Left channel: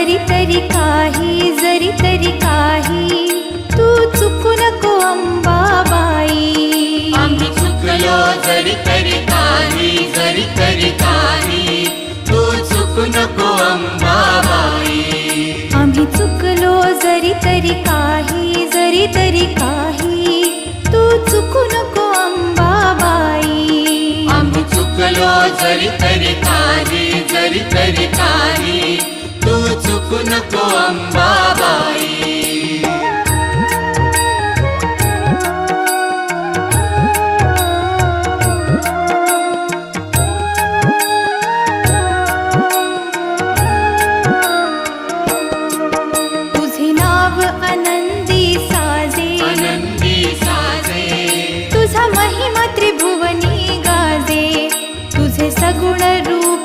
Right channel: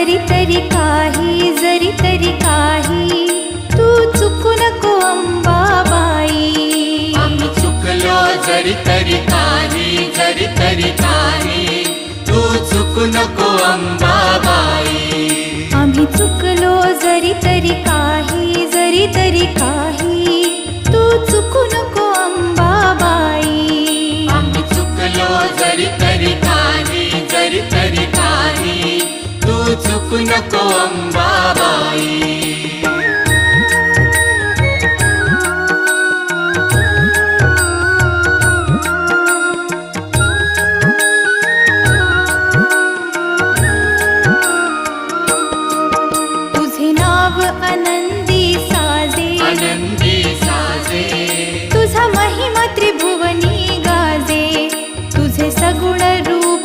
जरी तरी काही तू चुकू नको अंबाबाई. आम्ही चुकलो जरी तरी काही तू चुकू नको अंबाबाई. आम्ही चुकलो जरी तरी काही तू चुकू नको अंबाबाई. आम्ही चुकलो जरी तरी काही तू चुकू नको अंबाबाई. तुझे नाव आनंदी साजे, तुझा महिमा त्रिभुवनी गाजे. तुझे सगुण रूप